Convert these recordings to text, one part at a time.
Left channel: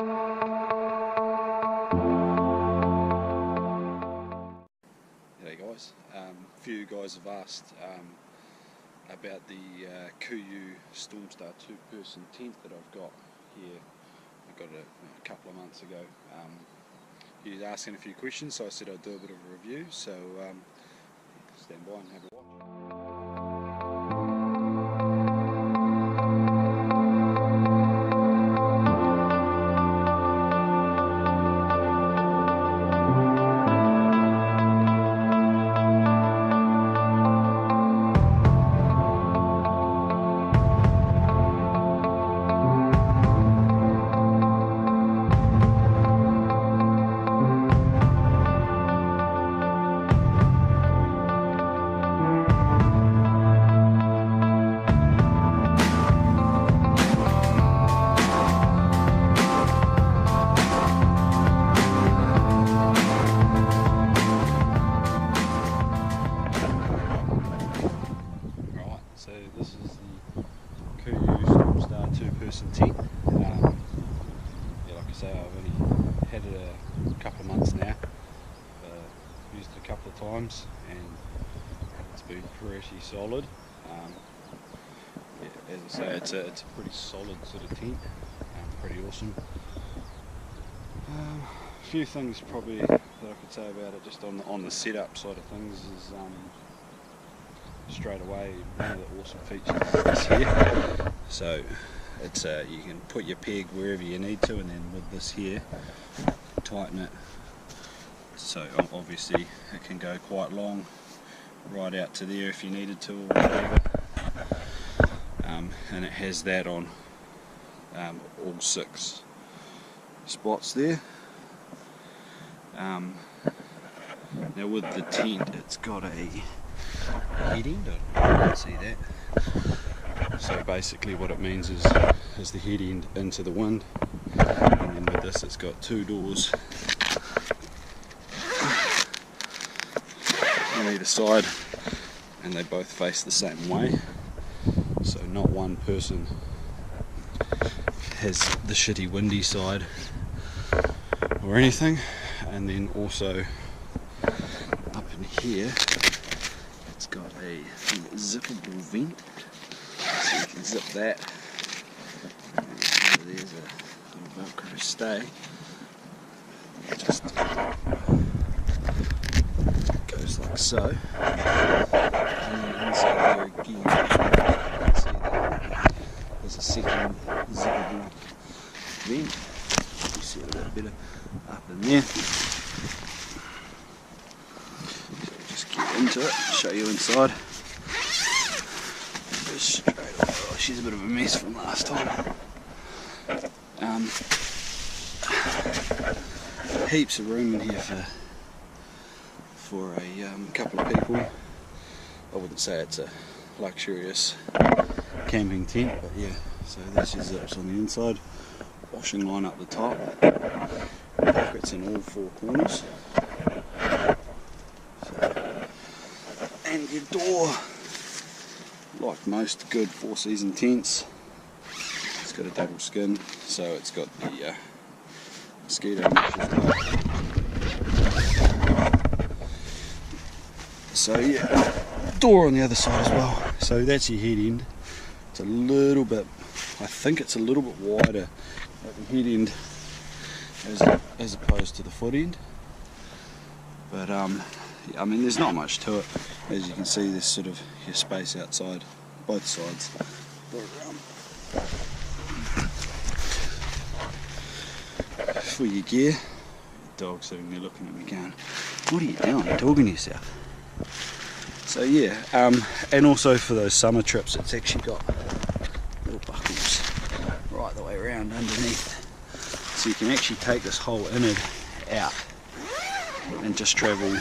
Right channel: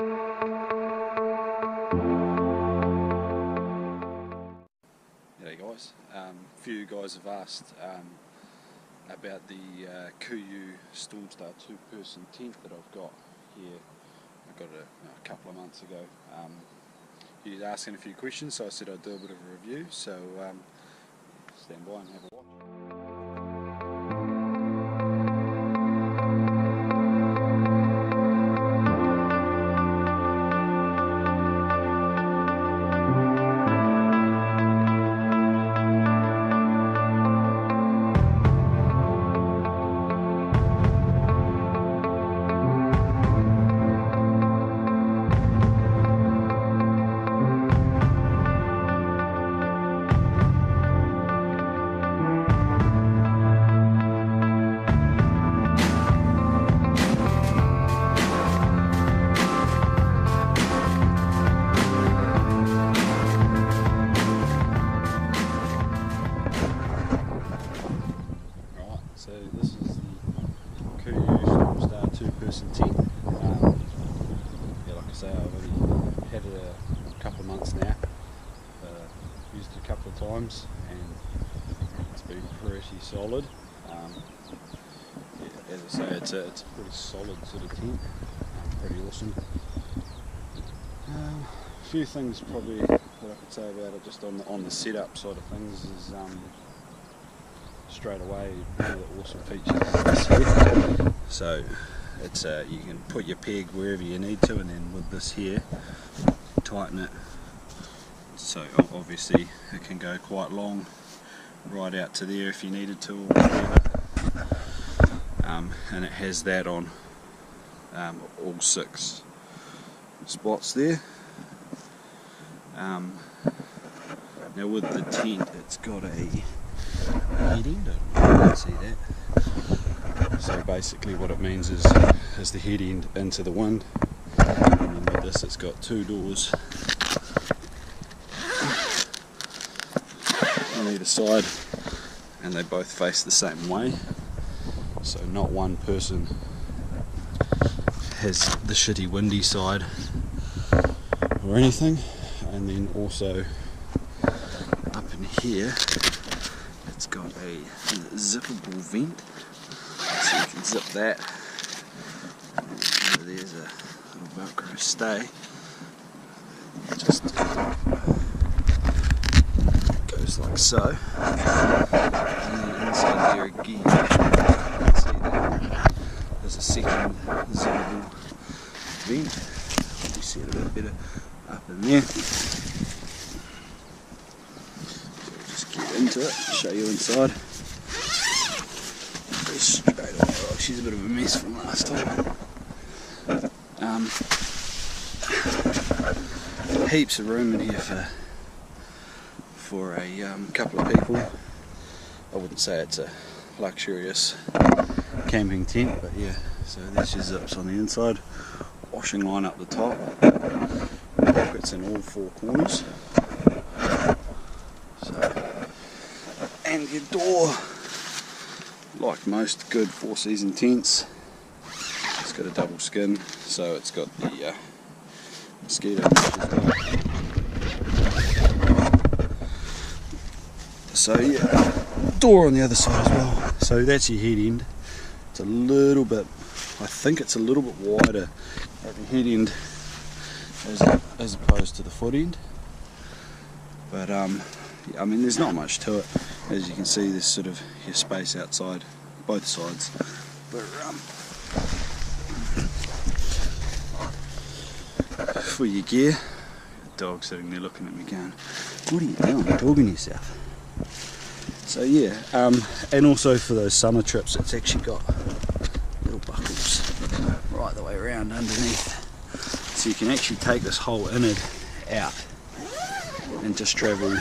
G'day guys, a few guys have asked about the KUIU Stormstar 2-person tent that I've got here. I got it a couple of months ago. He was asking a few questions, so I said I'd do a bit of a review, so stand by and have a watch. So this is the KUIU Stormstar 2-person tent. Yeah, like I say, I've only had it a couple of months now. Used it a couple of times and it's been pretty solid. Yeah, as I say, it's a pretty solid sort of tent. Pretty awesome. A few things probably that I could say about it, just on the setup side of things, is straight away one of the awesome features is this here. So it's you can put your peg wherever you need to, and then with this here, tighten it. So obviously it can go quite long, right out to there if you needed to, or whatever. And it has that on all 6 spots there. Now with the tent, it's got a head end, I don't know if you can see that. So basically what it means is the head end into the wind, and then with this it's got 2 doors on either side, and they both face the same way, so not one person has the shitty windy side or anything. And then also up in here it's got a zippable vent, so you can zip that, and there's a little velcro stay, just goes like so, and then inside there again you can see that there's a second zippable vent. You see it a bit better up in there. Into it, show you inside. Go straight away. Oh, she's a bit of a mess from last time. Heaps of room in here for a couple of people. I wouldn't say it's a luxurious camping tent, but yeah. So there's your zips on the inside, washing line up the top, pockets in all 4 corners. So. And your door, like most good 4-season tents, it's got a double skin, so it's got the mosquito mesh as well. So yeah, door on the other side as well. So that's your head end. It's a little bit, I think it's a little bit wider at the head end as opposed to the foot end. But yeah, I mean, there's not much to it. As you can see, there's sort of your space outside both sides. But for your gear, the dog's sitting there looking at me going, "What are you doing? Talking to yourself?" So yeah, and also for those summer trips, it's actually got little buckles right the way around underneath, so you can actually take this whole innard out and just travel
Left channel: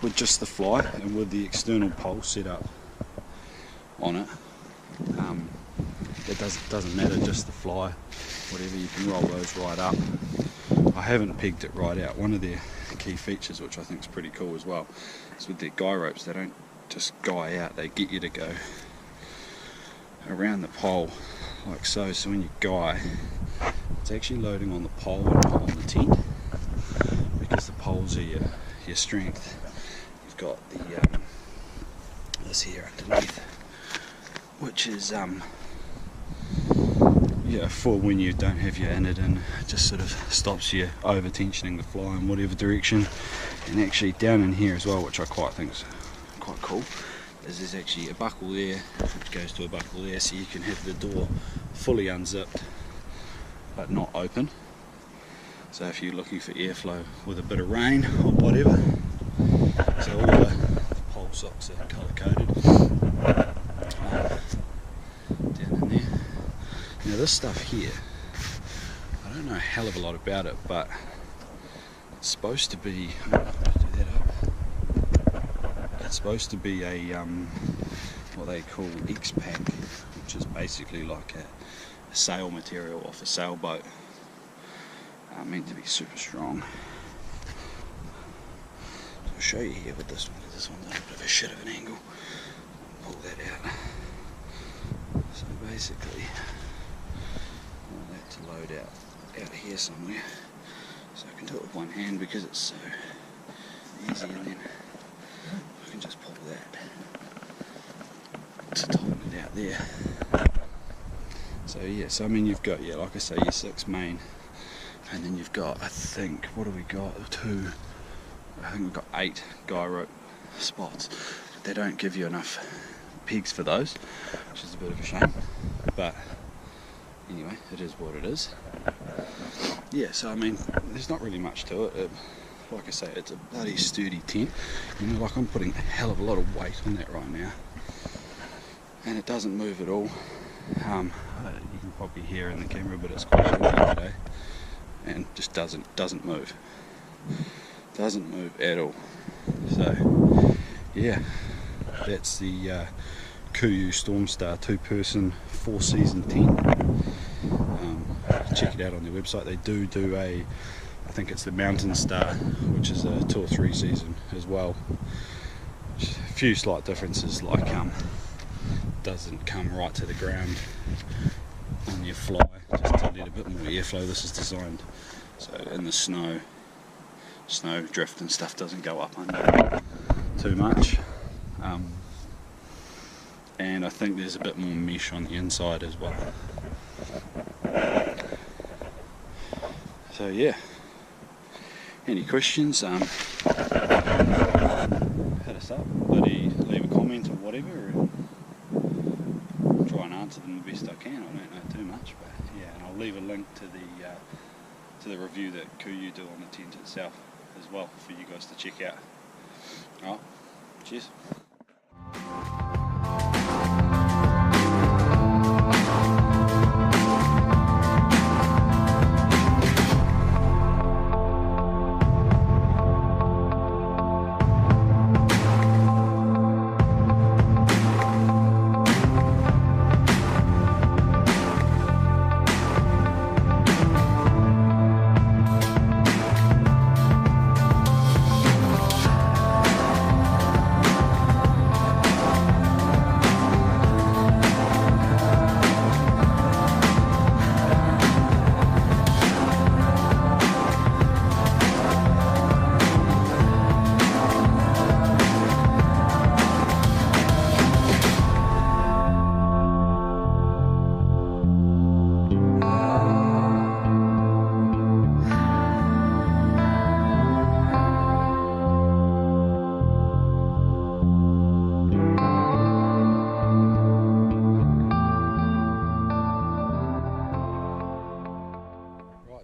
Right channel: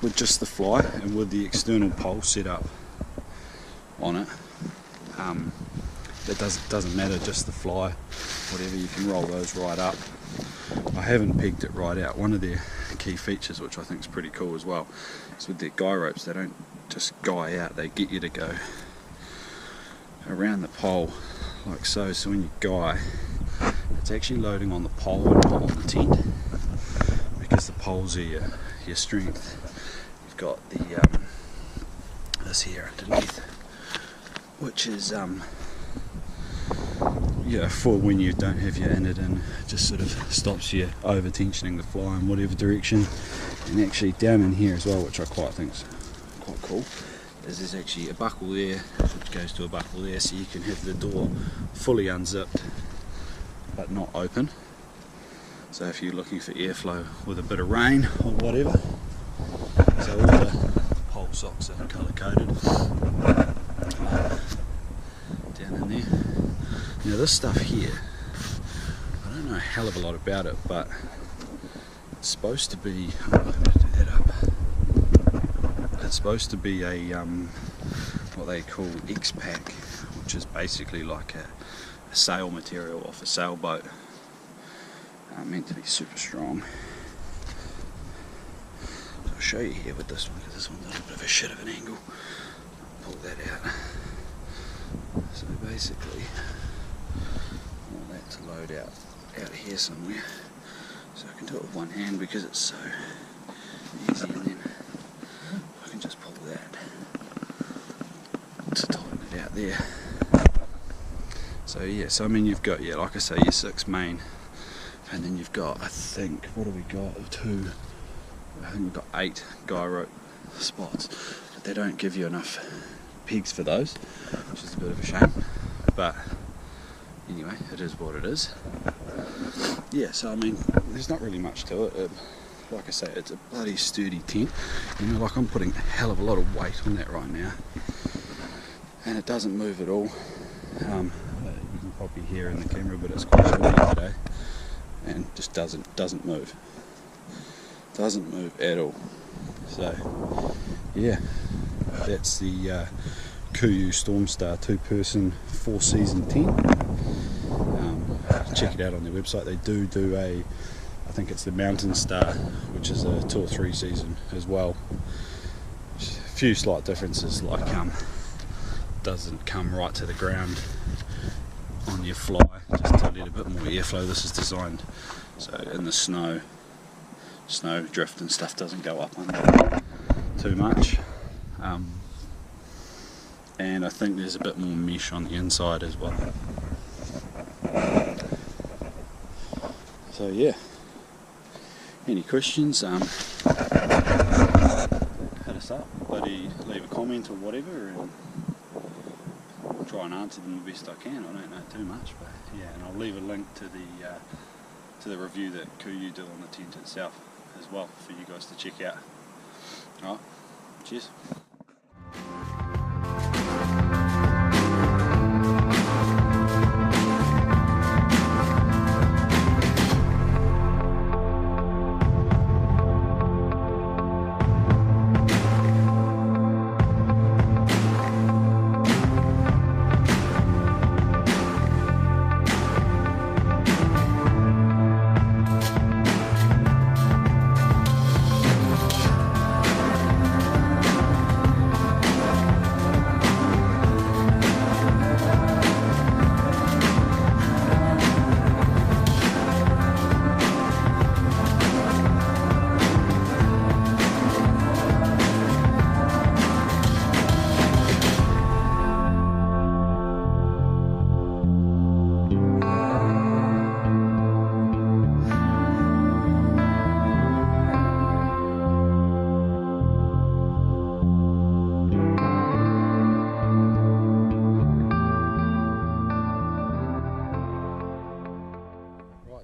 with just the fly and with the external pole set up on it. It doesn't matter, just the fly, whatever, you can roll those right up. I haven't pegged it right out. One of their key features, which I think is pretty cool as well, is with their guy ropes, they don't just guy out, they get you to go around the pole like so. So when you guy, it's actually loading on the pole and not on the tent, because the poles are your strength. You've got the this here underneath, which is for when you don't have your innard in, just sort of stops you over tensioning the fly in whatever direction. And actually down in here as well, which I quite think is quite cool, is there's actually a buckle there which goes to a buckle there, so you can have the door fully unzipped but not open. So if you're looking for airflow with a bit of rain or whatever. So all the pole socks are colour coded down in there. Now this stuff here, I don't know a hell of a lot about it, but it's supposed to be, I'm going to do that up. It's supposed to be a what they call X-Pack, which is basically like a sail material off a sailboat, meant to be super strong. So I'll show you here with this one, because this one's a little bit of a shit of an angle. Pull that out. So basically, I want that to load out here somewhere, so I can do it with one hand because it's so easy, and then I can just pull that to tighten it out there. So yeah, so I mean you've got, like I say, your 6 main, and then you've got, I think, what have we got? I think we've got 8 guy rope spots, but they don't give you enough pegs for those, which is a bit of a shame, but anyway, it is what it is. Yeah, so I mean, there's not really much to it. Like I say, it's a bloody sturdy tent. You know, like I'm putting a hell of a lot of weight on that right now, and it doesn't move at all. You can probably hear in the camera, but it's quite windy today, and just doesn't move. Doesn't move at all. So yeah, that's the KUIU Stormstar 2-person 4-season tent. Check it out on their website. They do a, I think it's the Mountain Star, which is a 2 or 3 season as well. Just a few slight differences, like doesn't come right to the ground on your fly, just to let a bit more airflow. This is designed so in the snow drift and stuff doesn't go up under too much. And I think there's a bit more mesh on the inside as well. So yeah, any questions, hit us up, leave a comment or whatever, and try and answer them the best I can. I don't know too much, but yeah, and I'll leave a link to the review that KUIU do on the tent itself as well for you guys to check out. Alright, cheers.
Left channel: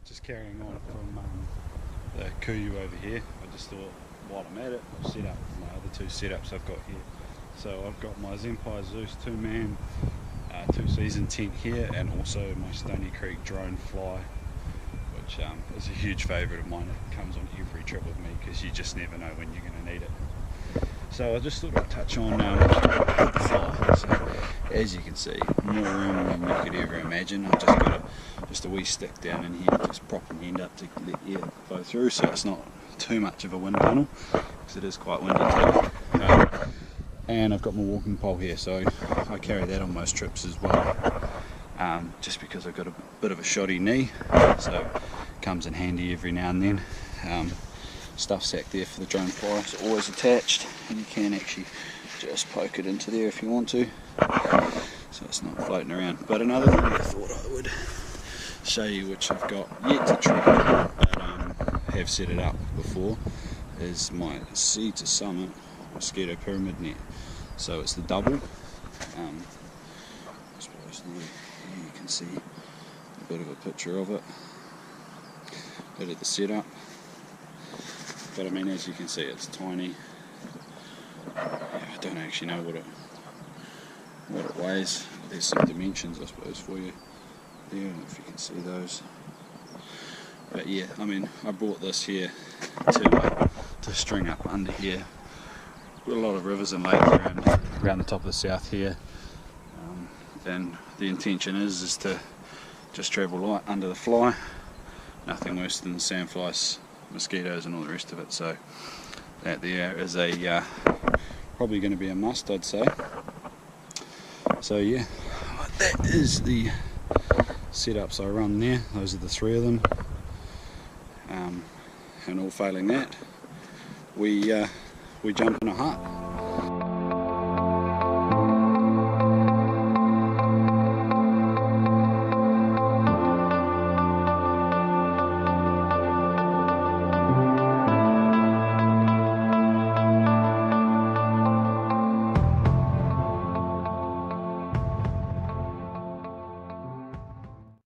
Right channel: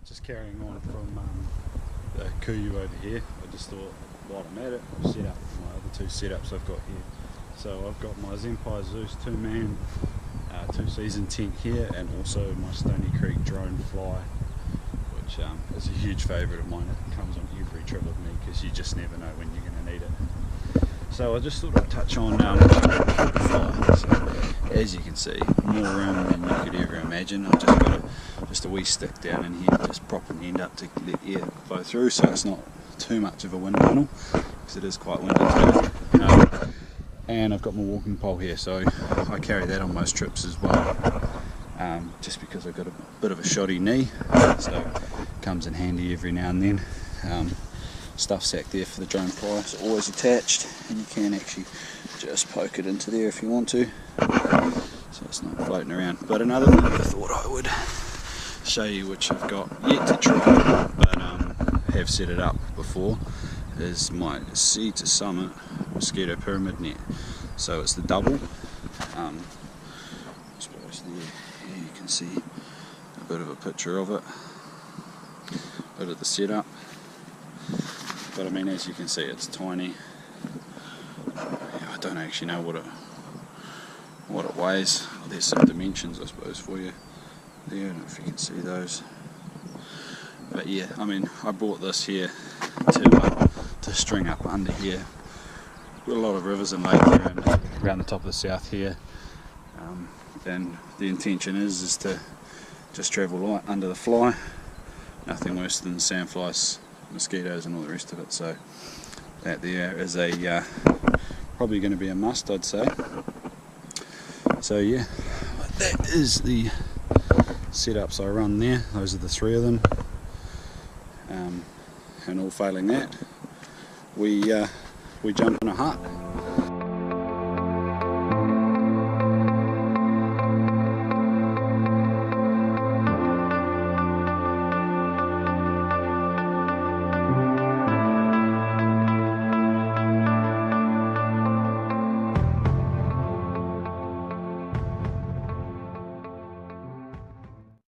Just carrying on from the KUIU over here, I just thought while I'm at it, I'll set up my other 2 setups I've got here. So I've got my Zenpai Zeus 2-man 2-season tent here, and also my Stony Creek drone fly, which is a huge favourite of mine. It comes on every trip with me because you just never know when you're going to need it. So I just thought I'd touch on the fly. So, as you can see, more room than you could ever imagine. I've just got a wee stick down in here, just propping the end up to let air flow through, so it's not too much of a wind tunnel, because it is quite windy today. And I've got my walking pole here, so I carry that on most trips as well. just because I've got a bit of a shoddy knee, so it comes in handy every now and then. Stuff sack there for the drone flyer is always attached, and you can actually just poke it into there if you want to, so it's not floating around. But another thing I thought I would show you, which I've got yet to try but have set it up before, is my Sea to Summit mosquito pyramid net. So it's the double. I suppose there you can see a bit of a picture of it, bit of the setup. But I mean, as you can see, it's tiny. I don't actually know what it weighs. Well, there's some dimensions, I suppose, for you there. I don't know if you can see those. But yeah, I mean, I bought this here to string up under here. We've got a lot of rivers and lakes around the top of the south here, and the intention is to just travel light under the fly. Nothing worse than sandflies, mosquitoes and all the rest of it. So that there is a probably going to be a must, I'd say. So yeah, that is the setups I run there. Those are the three of them, and all failing that, we jump in a hut.